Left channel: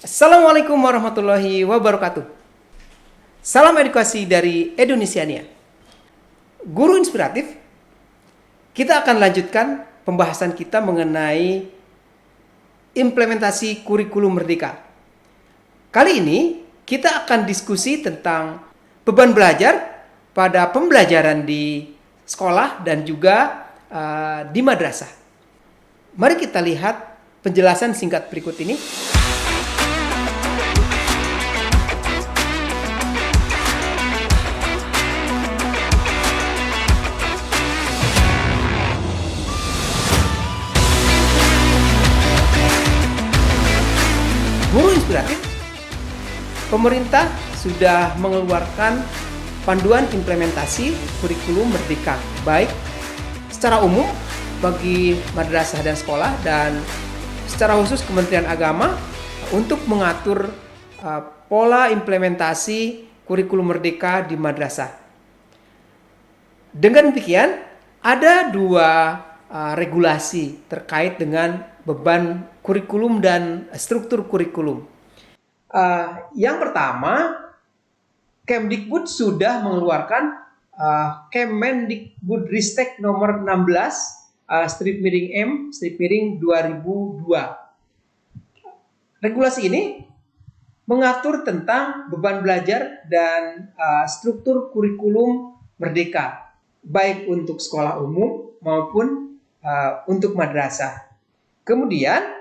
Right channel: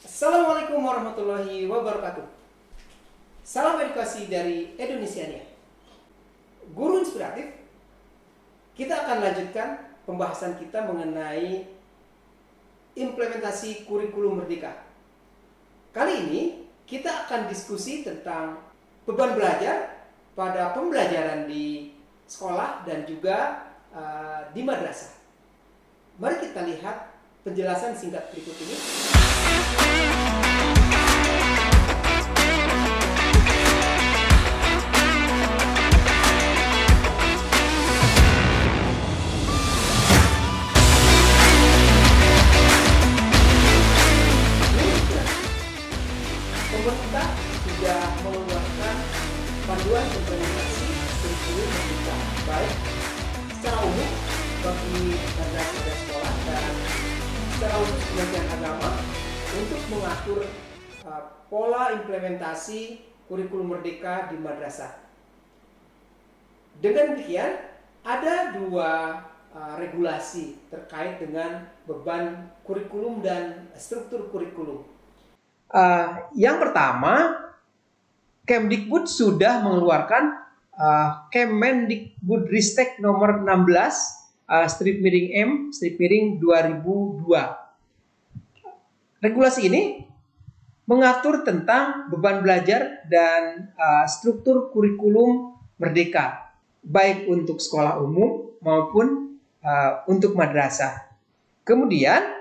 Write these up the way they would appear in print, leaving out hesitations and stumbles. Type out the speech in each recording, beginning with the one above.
Assalamualaikum warahmatullahi wabarakatuh. Salam edukasi dari Indonesiania. Guru inspiratif, kita akan lanjutkan pembahasan kita mengenai implementasi kurikulum merdeka. Kali ini kita akan diskusi tentang beban belajar pada pembelajaran di sekolah dan juga di madrasah. Mari kita lihat penjelasan singkat berikut ini. Guru inspiratif, pemerintah sudah mengeluarkan panduan implementasi kurikulum merdeka, baik secara umum bagi madrasah dan sekolah dan secara khusus Kementerian Agama untuk mengatur pola implementasi kurikulum merdeka di madrasah. Dengan demikian, ada dua regulasi terkait dengan beban kurikulum dan struktur kurikulum. Yang pertama, Kemdikbud sudah mengeluarkan Kemendikbudristek nomor 16/M/2002. Regulasi ini mengatur tentang beban belajar dan struktur kurikulum merdeka, baik untuk sekolah umum maupun untuk madrasah. Kemudian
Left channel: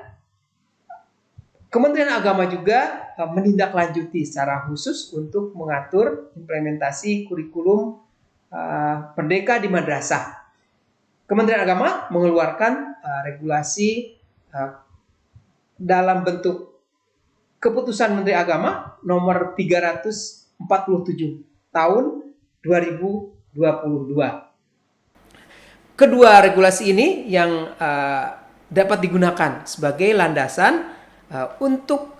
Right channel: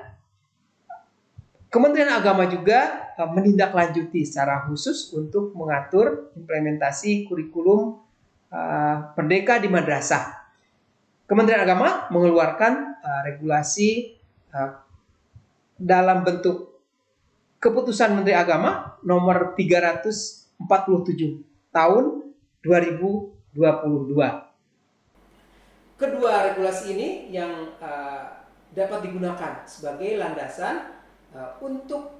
Kementerian Agama juga menindaklanjuti secara khusus untuk mengatur implementasi kurikulum merdeka di madrasah. Kementerian Agama mengeluarkan regulasi dalam bentuk Keputusan Menteri Agama nomor 347 tahun 2022. Kedua regulasi ini yang dapat digunakan sebagai landasan untuk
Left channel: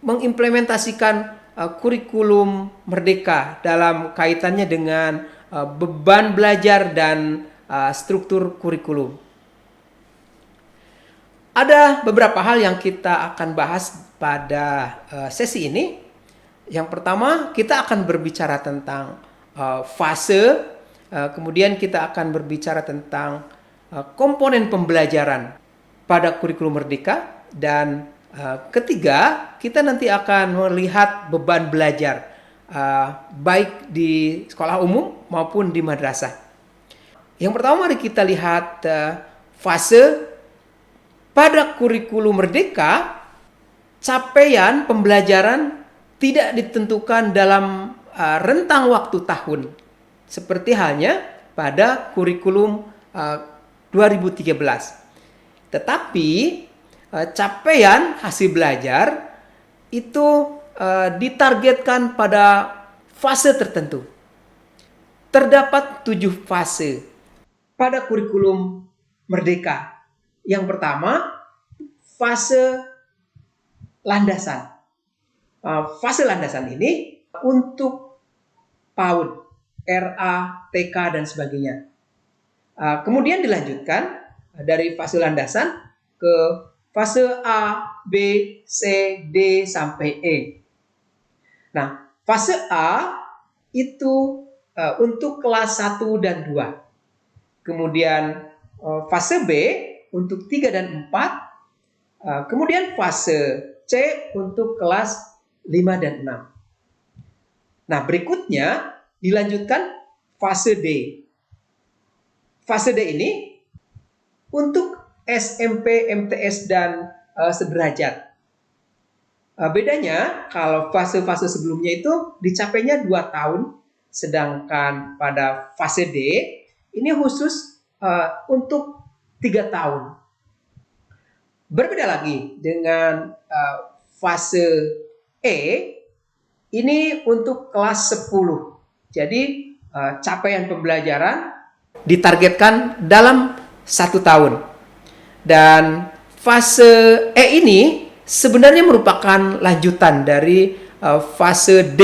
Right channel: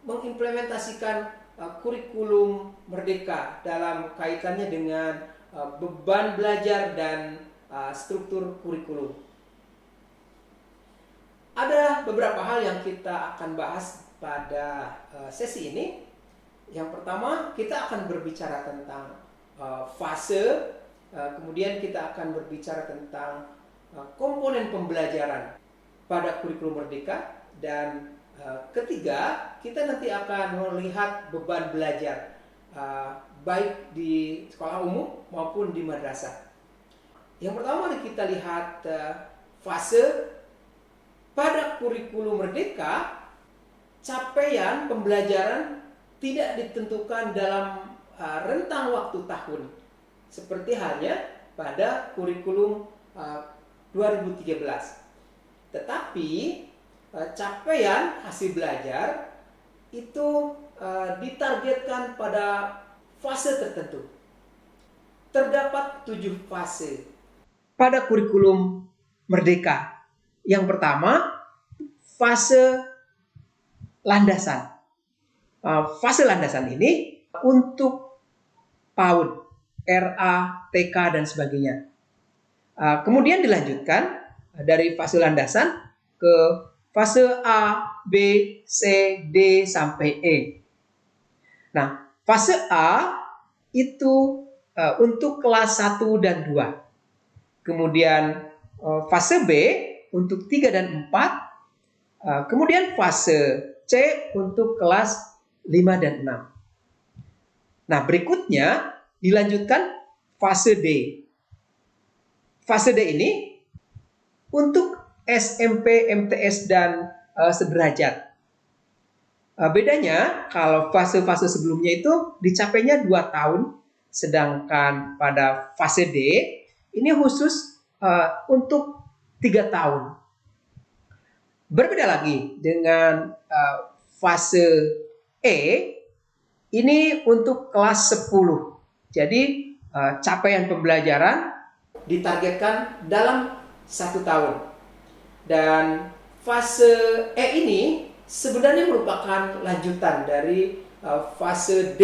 mengimplementasikan kurikulum merdeka dalam kaitannya dengan beban belajar dan struktur kurikulum. Ada beberapa hal yang kita akan bahas pada sesi ini. Yang pertama, kita akan berbicara tentang fase, kemudian kita akan berbicara tentang komponen pembelajaran pada kurikulum merdeka, dan ketiga, kita nanti akan melihat beban belajar baik di sekolah umum maupun di madrasah. Yang pertama, mari kita lihat fase. Pada kurikulum merdeka, capaian pembelajaran tidak ditentukan dalam rentang waktu tahun, seperti halnya pada kurikulum 2013. Tetapi capaian hasil belajar itu ditargetkan pada fase tertentu. Terdapat 7 fase pada kurikulum merdeka. Yang pertama, fase landasan. Fase landasan ini untuk PAUD, RA, TK, dan sebagainya. Kemudian dilanjutkan dari fase landasan ke fase A, B, C, D, sampai E. Nah, fase A itu untuk kelas 1 dan 2. Kemudian fase B untuk 3 dan 4. Kemudian fase C untuk kelas 5 dan 6. Nah, berikutnya dilanjutkan fase D. Fase D ini untuk SMP, MTS, dan sederajat. Bedanya kalau fase-fase sebelumnya itu dicapainya 2 tahun, sedangkan pada fase D ini khusus untuk 3 tahun. Berbeda lagi dengan fase E, ini untuk kelas 10. Jadi capaian pembelajaran ditargetkan dalam 1 tahun. Dan fase E ini sebenarnya merupakan lanjutan dari fase D.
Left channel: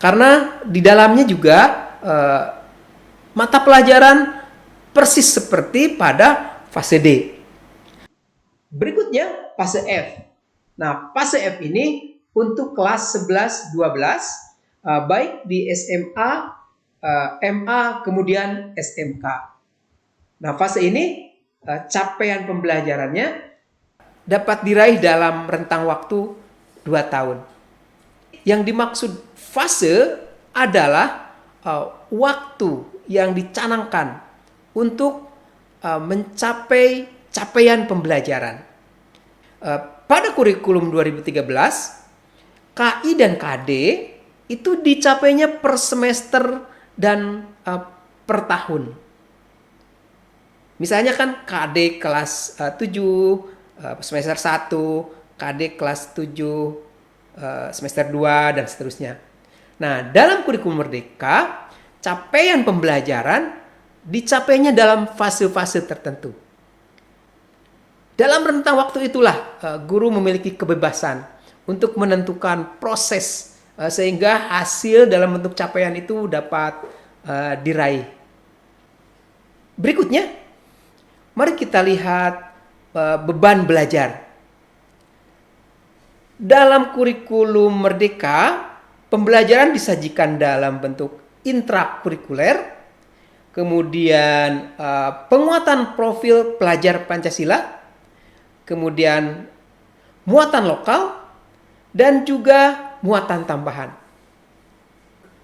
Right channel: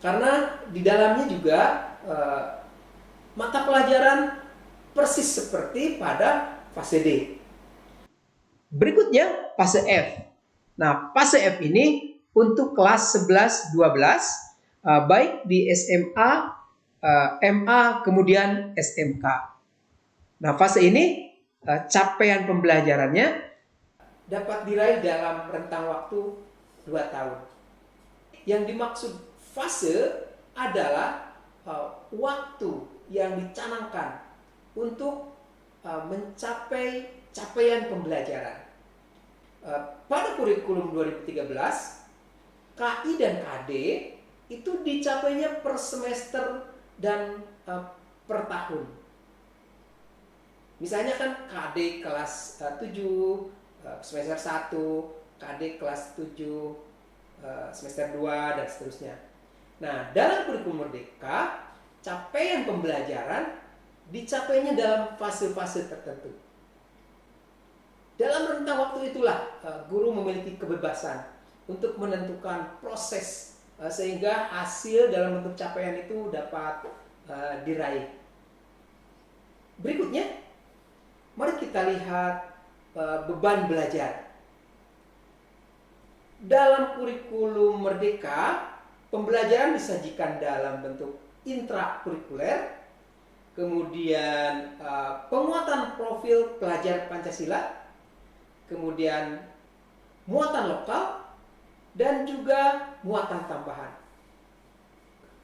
Karena di dalamnya juga mata pelajaran persis seperti pada fase D. Berikutnya fase F. Nah, fase F ini untuk kelas 11-12, baik di SMA, MA, kemudian SMK. Nah, fase ini capaian pembelajarannya dapat diraih dalam rentang waktu 2 tahun. Yang dimaksud fase adalah waktu yang dicanangkan untuk mencapai capaian pembelajaran. Pada kurikulum 2013, KI dan KD itu dicapainya per semester dan per tahun. Misalnya kan KD kelas 7 semester 1, KD kelas 7 semester 2 dan seterusnya. Nah, dalam kurikulum Merdeka, capaian pembelajaran dicapainya dalam fase-fase tertentu. Dalam rentang waktu itulah guru memiliki kebebasan untuk menentukan proses sehingga hasil dalam bentuk capaian itu dapat diraih. Berikutnya, mari kita lihat beban belajar. Dalam kurikulum Merdeka, pembelajaran disajikan dalam bentuk intrakurikuler, kemudian penguatan profil pelajar Pancasila, kemudian muatan lokal, dan juga muatan tambahan.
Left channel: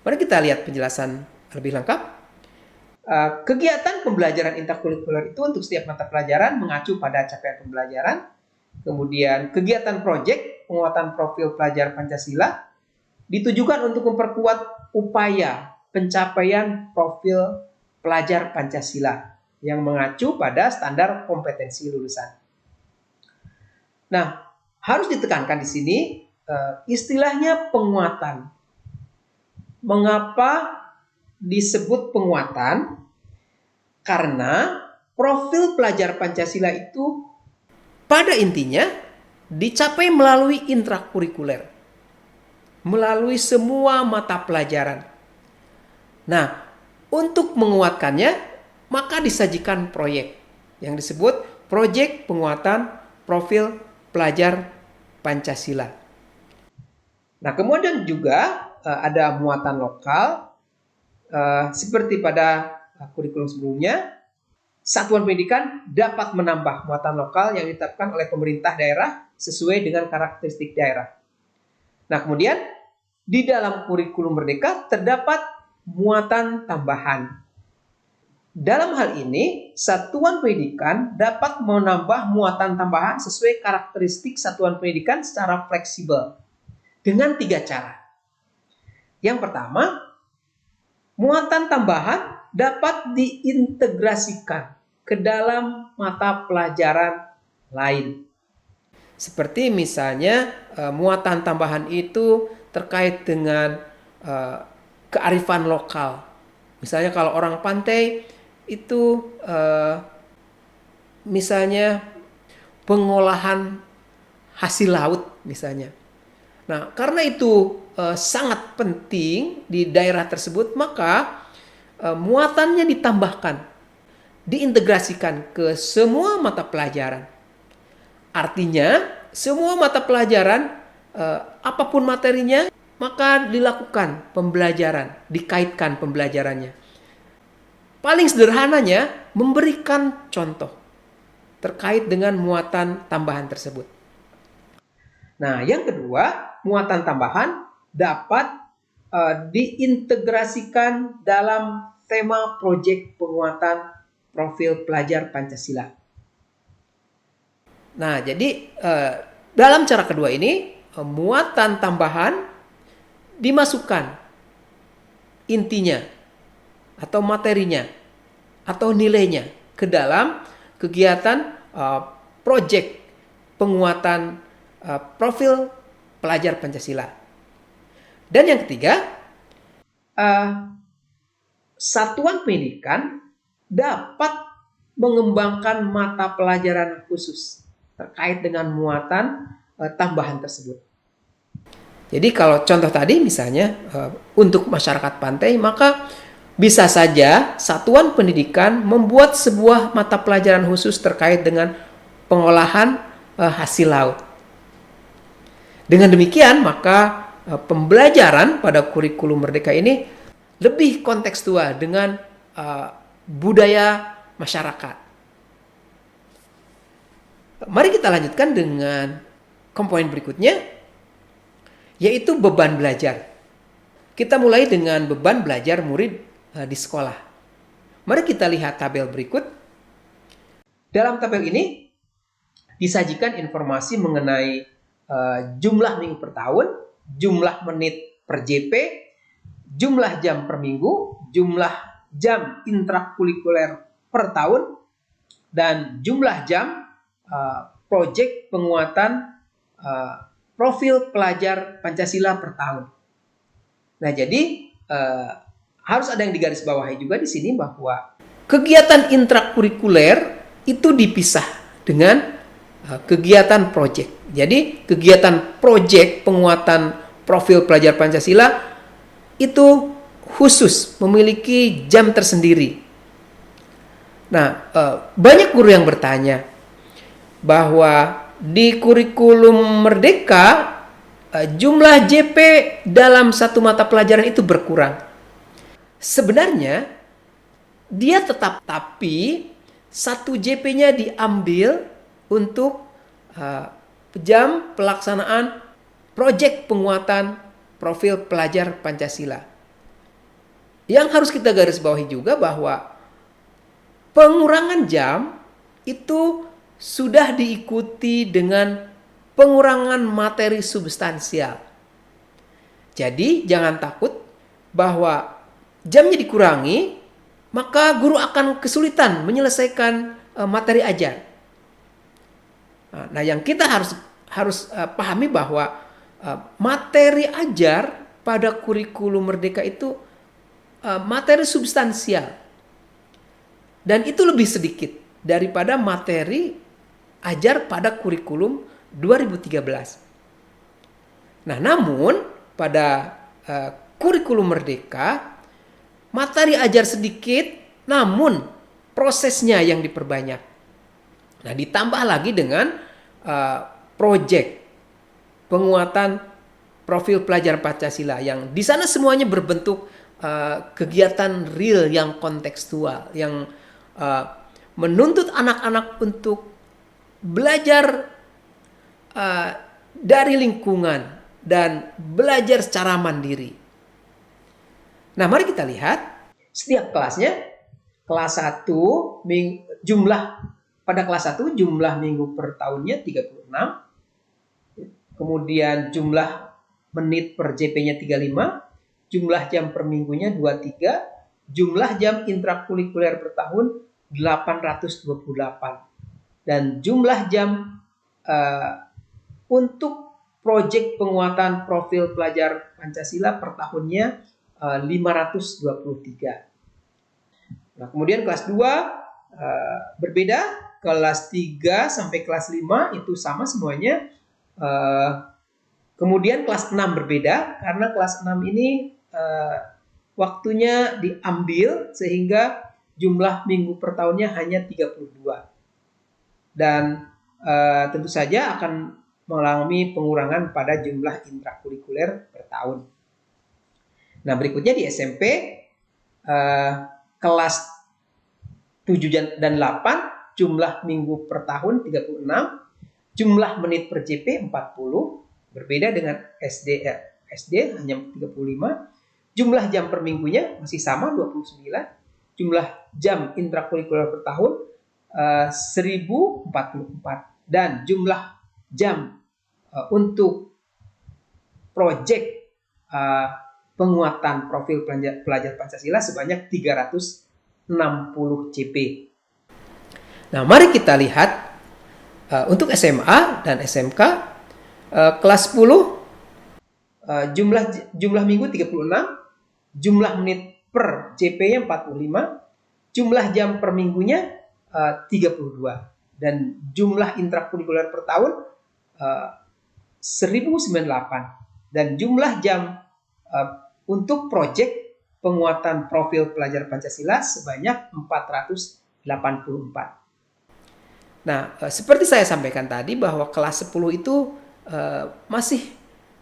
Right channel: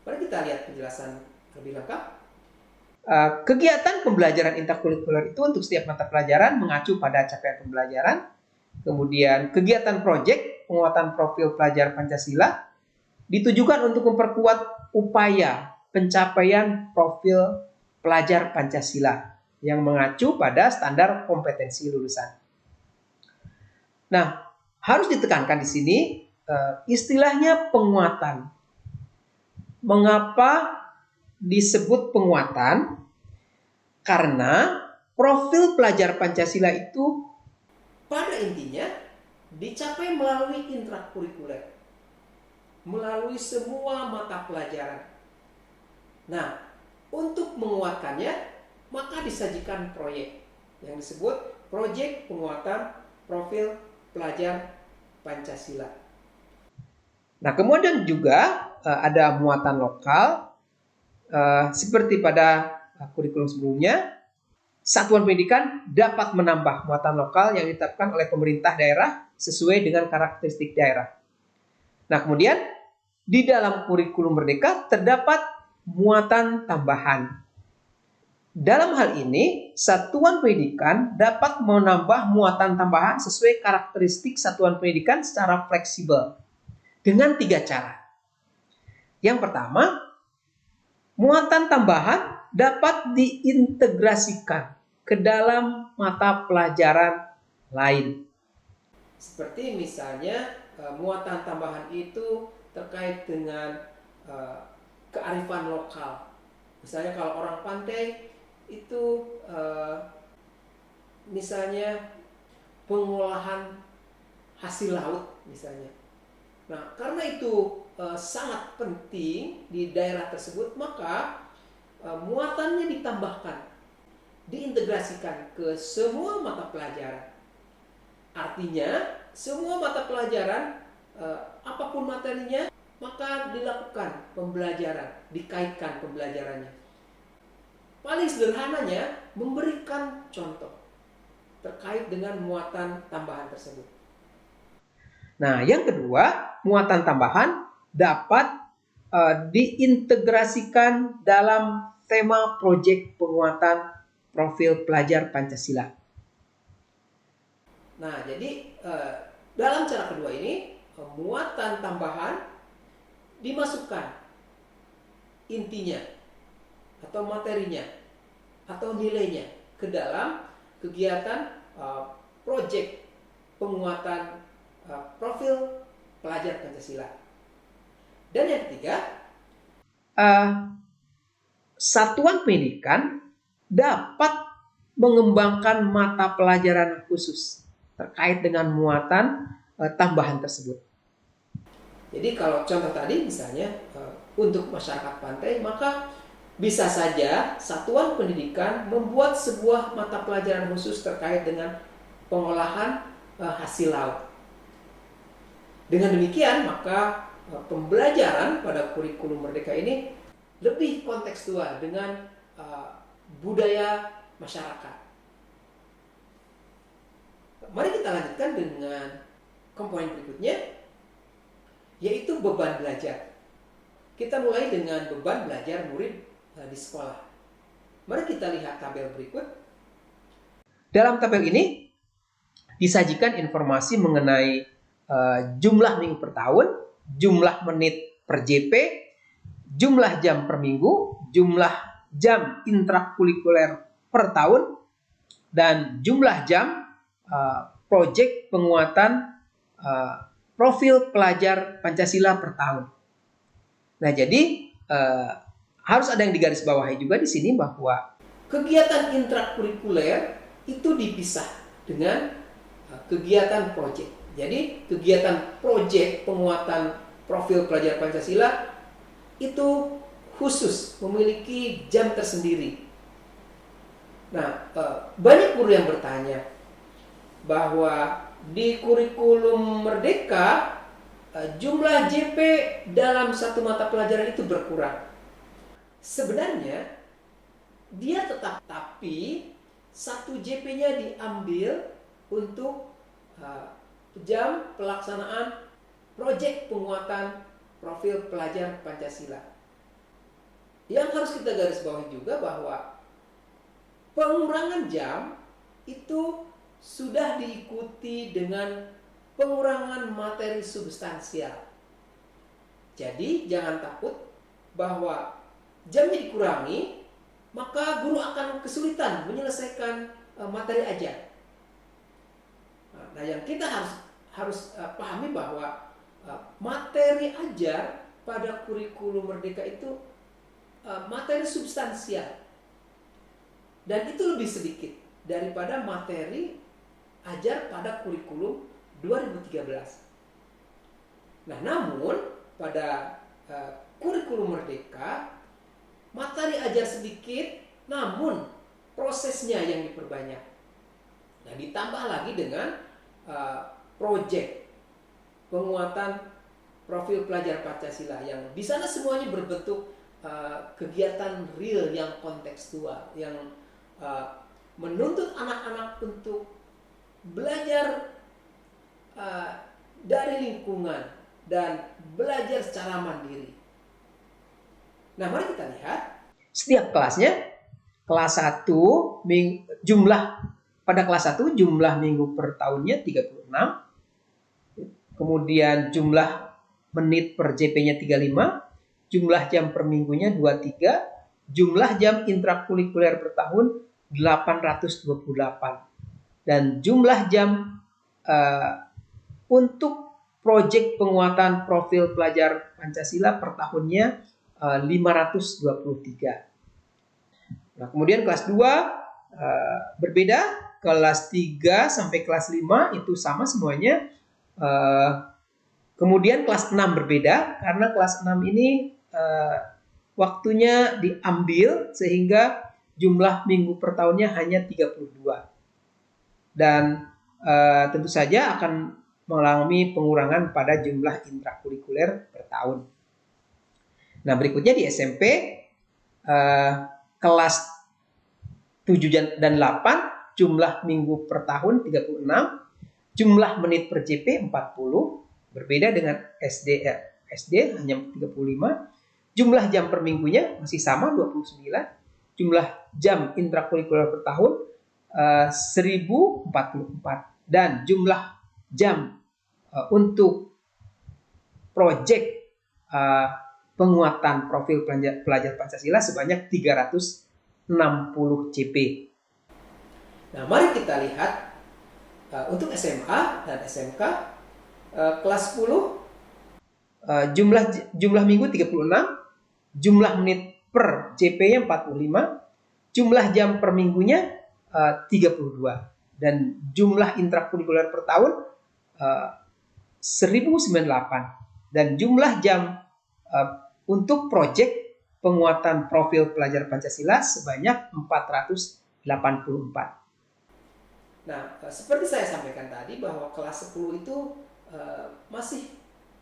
Mari kita lihat penjelasan lebih lengkap. Kegiatan pembelajaran intrakurikuler itu untuk setiap mata pelajaran mengacu pada capaian pembelajaran. Kemudian kegiatan proyek penguatan profil pelajar Pancasila ditujukan untuk memperkuat upaya pencapaian profil pelajar Pancasila yang mengacu pada standar kompetensi lulusan. Nah, harus ditekankan di sini istilahnya penguatan. Mengapa disebut penguatan? Karena profil pelajar Pancasila itu pada intinya dicapai melalui intrakurikuler, melalui semua mata pelajaran. Nah, untuk menguatkannya, maka disajikan proyek yang disebut proyek penguatan profil pelajar Pancasila. Nah, kemudian juga ada muatan lokal seperti pada kurikulum sebelumnya. Satuan pendidikan dapat menambah muatan lokal yang ditetapkan oleh pemerintah daerah sesuai dengan karakteristik daerah. Nah, kemudian di dalam kurikulum Merdeka terdapat muatan tambahan. Dalam hal ini, satuan pendidikan dapat menambah muatan tambahan sesuai karakteristik satuan pendidikan secara fleksibel dengan 3 cara. Yang pertama, muatan tambahan dapat diintegrasikan ke dalam mata pelajaran lain. Seperti misalnya muatan tambahan itu terkait dengan kearifan lokal. Misalnya kalau orang pantai itu misalnya pengolahan hasil laut misalnya. Nah, karena itu sangat penting di daerah tersebut, maka muatannya ditambahkan, diintegrasikan ke semua mata pelajaran. Artinya, semua mata pelajaran, apapun materinya, maka dilakukan pembelajaran, dikaitkan pembelajarannya. Paling sederhananya, memberikan contoh terkait dengan muatan tambahan tersebut. Nah, yang kedua, muatan tambahan dapat diintegrasikan dalam tema proyek penguatan profil pelajar Pancasila. Nah, jadi dalam cara kedua ini, muatan tambahan dimasukkan intinya atau materinya atau nilainya ke dalam kegiatan proyek penguatan profil pelajar Pancasila. Dan yang ketiga, satuan pendidikan dapat mengembangkan mata pelajaran khusus terkait dengan muatan tambahan tersebut. Jadi kalau contoh tadi misalnya untuk masyarakat pantai, maka bisa saja satuan pendidikan membuat sebuah mata pelajaran khusus terkait dengan pengolahan hasil laut. Dengan demikian, maka pembelajaran pada kurikulum Merdeka ini lebih kontekstual dengan budaya masyarakat. Mari kita lanjutkan dengan komponen berikutnya, yaitu beban belajar. Kita mulai dengan beban belajar murid di sekolah. Mari kita lihat tabel berikut. Dalam tabel ini disajikan informasi mengenai jumlah minggu per tahun, jumlah menit per JP, jumlah jam per minggu, jumlah jam intrakurikuler per tahun, dan jumlah jam proyek penguatan profil pelajar Pancasila per tahun. Nah, jadi harus ada yang digarisbawahi juga di sini bahwa kegiatan intrakurikuler itu dipisah dengan kegiatan proyek. Jadi kegiatan proyek penguatan profil pelajar Pancasila itu khusus memiliki jam tersendiri. Nah, banyak guru yang bertanya bahwa di kurikulum Merdeka jumlah JP dalam satu mata pelajaran itu berkurang. Sebenarnya dia tetap, tapi satu JP-nya diambil untuk jam pelaksanaan proyek penguatan profil pelajar Pancasila. Yang harus kita garis bawahi juga bahwa pengurangan jam itu sudah diikuti dengan pengurangan materi substansial. Jadi jangan takut bahwa jamnya dikurangi, maka guru akan kesulitan menyelesaikan materi ajar. Nah, yang kita harus pahami bahwa materi ajar pada kurikulum Merdeka itu materi substansial. Dan itu lebih sedikit daripada materi ajar pada kurikulum 2013. Nah, namun pada kurikulum Merdeka materi ajar sedikit, namun prosesnya yang diperbanyak. Nah, ditambah lagi dengan proyek penguatan profil pelajar Pancasila yang di sana semuanya berbentuk kegiatan real yang kontekstual, yang menuntut anak-anak untuk belajar dari lingkungan dan belajar secara mandiri. Nah, mari kita lihat setiap kelasnya. Kelas 1 jumlah pada kelas 1 jumlah minggu per tahunnya 36. Kemudian jumlah menit per JP-nya 35, jumlah jam per minggunya 23, jumlah jam intrakurikuler per tahun 828. Dan jumlah jam untuk proyek penguatan profil pelajar Pancasila per tahunnya 523. Nah, kemudian kelas 2 berbeda, kelas 3 sampai kelas 5 itu sama semuanya. Kemudian kelas 6 berbeda karena kelas 6 ini waktunya diambil sehingga jumlah minggu per tahunnya hanya 32. Dan tentu saja akan mengalami pengurangan pada jumlah intrakurikuler per tahun. Nah, berikutnya di SMP kelas 7 dan 8 jumlah minggu per tahun 36, jumlah menit per JP 40, berbeda dengan SD hanya 35, jumlah jam per minggunya masih sama 29, jumlah jam intrakurikuler per tahun 1044, dan jumlah jam untuk proyek penguatan profil pelajar Pancasila sebanyak 360 CP. Nah, mari kita lihat untuk SMA dan SMK kelas 10 jumlah minggu 36, jumlah menit per JP-nya 45, jumlah jam per minggunya 32, dan jumlah intrakurikuler per tahun 1098, dan jumlah jam untuk proyek penguatan profil pelajar Pancasila sebanyak 484. Nah, seperti saya sampaikan tadi bahwa kelas 10 itu masih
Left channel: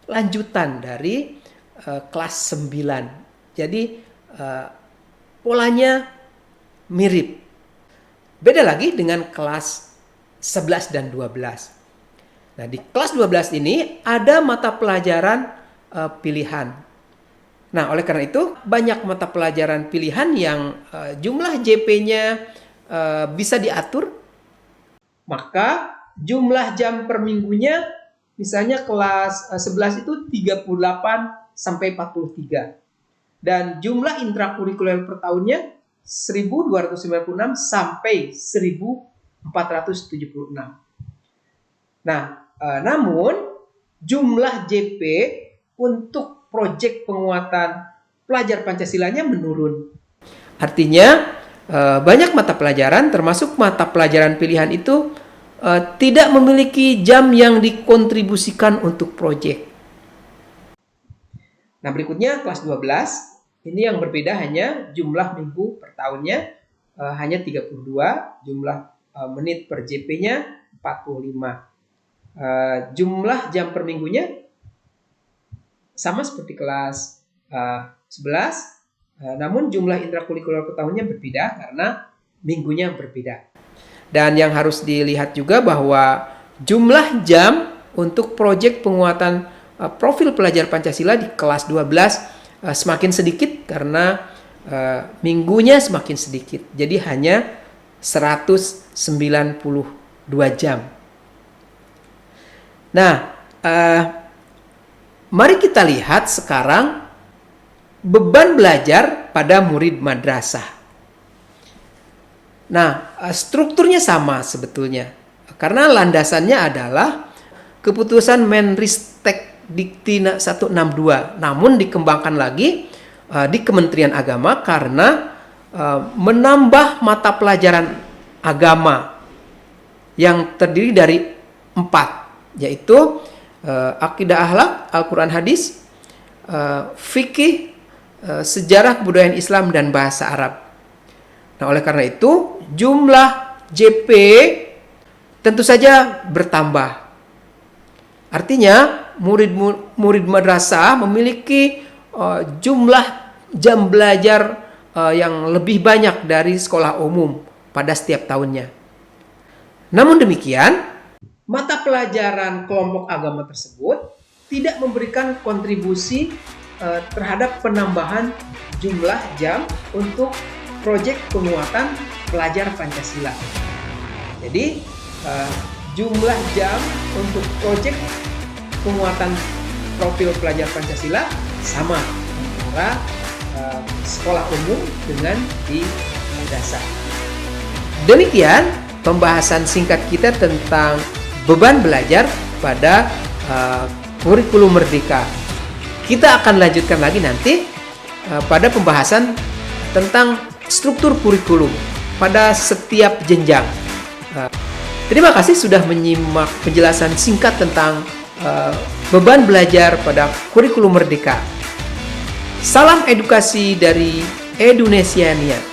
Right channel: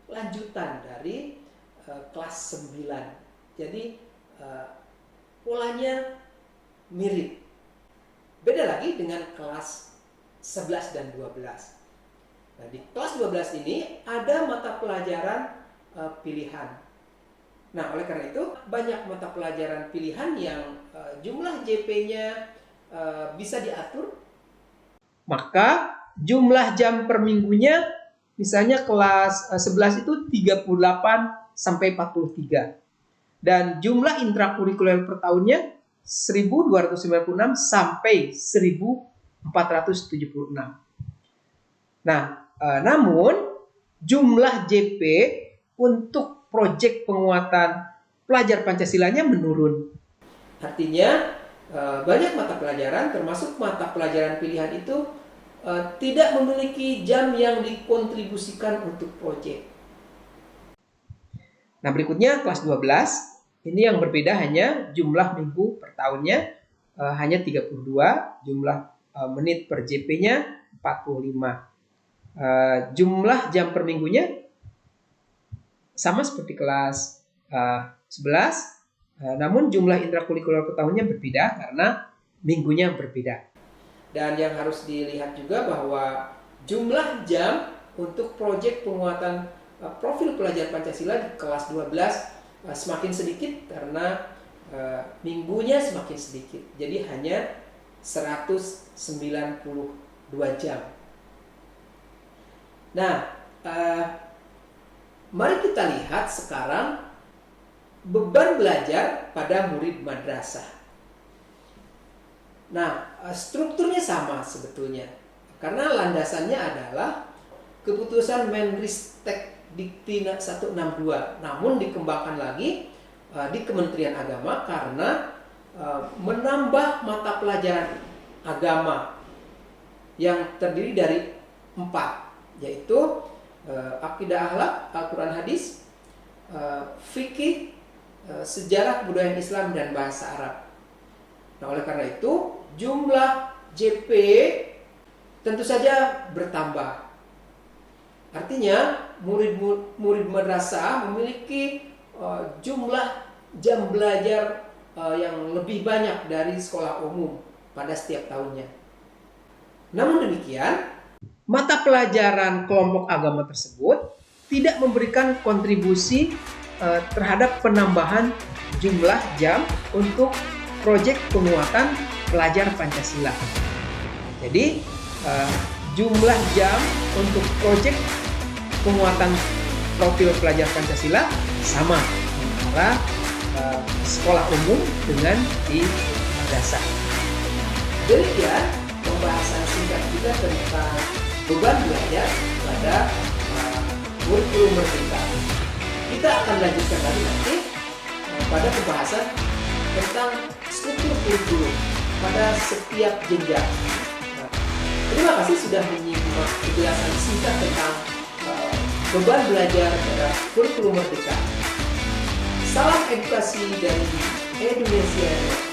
lanjutan dari kelas 9. Jadi polanya mirip. Beda lagi dengan kelas 11 dan 12. Nah, di kelas 12 ini ada mata pelajaran pilihan. Nah, oleh karena itu banyak mata pelajaran pilihan yang jumlah JP-nya bisa diatur. Maka jumlah jam per minggunya misalnya kelas 11 itu 38 sampai 43. Dan jumlah intrakurikuler per tahunnya 1296 sampai 1476. Nah, namun jumlah JP untuk proyek penguatan pelajar Pancasilanya menurun. Artinya banyak mata pelajaran termasuk mata pelajaran pilihan itu tidak memiliki jam yang dikontribusikan untuk proyek. Nah, berikutnya kelas 12. Ini yang berbeda hanya jumlah minggu per tahunnya hanya 32, jumlah menit per JP-nya 45. Jumlah jam per minggunya sama seperti kelas 11, namun jumlah intrakurikuler per tahunnya berbeda karena minggunya berbeda. Dan yang harus dilihat juga bahwa jumlah jam untuk proyek penguatan profil pelajar Pancasila di kelas 12 semakin sedikit karena minggunya semakin sedikit. Jadi hanya 192 jam. Nah, mari kita lihat sekarang beban belajar pada murid madrasah. Nah, strukturnya sama sebetulnya. Karena landasannya adalah keputusan Menristek Dikti 162, namun dikembangkan lagi di Kementerian Agama karena menambah mata pelajaran agama yang terdiri dari 4, yaitu akidah akhlak, Al-Quran hadis, fikih, sejarah kebudayaan Islam, dan bahasa Arab. Nah, oleh karena itu jumlah JP tentu saja bertambah. Artinya murid madrasah memiliki jumlah jam belajar yang lebih banyak dari sekolah umum pada setiap tahunnya. Namun demikian, mata pelajaran kelompok agama tersebut tidak memberikan kontribusi terhadap penambahan jumlah jam untuk proyek penguatan pelajar Pancasila. Jadi jumlah jam untuk proyek penguatan profil pelajar Pancasila sama antara sekolah umum dengan di madrasah. Demikian pembahasan singkat kita tentang beban belajar pada kurikulum Merdeka. Kita akan lanjutkan lagi nanti pada pembahasan tentang struktur kurikulum pada setiap jenjang. Terima kasih sudah menyimak penjelasan singkat tentang beban belajar pada kurikulum Merdeka. Salam edukasi dari Edunesiania.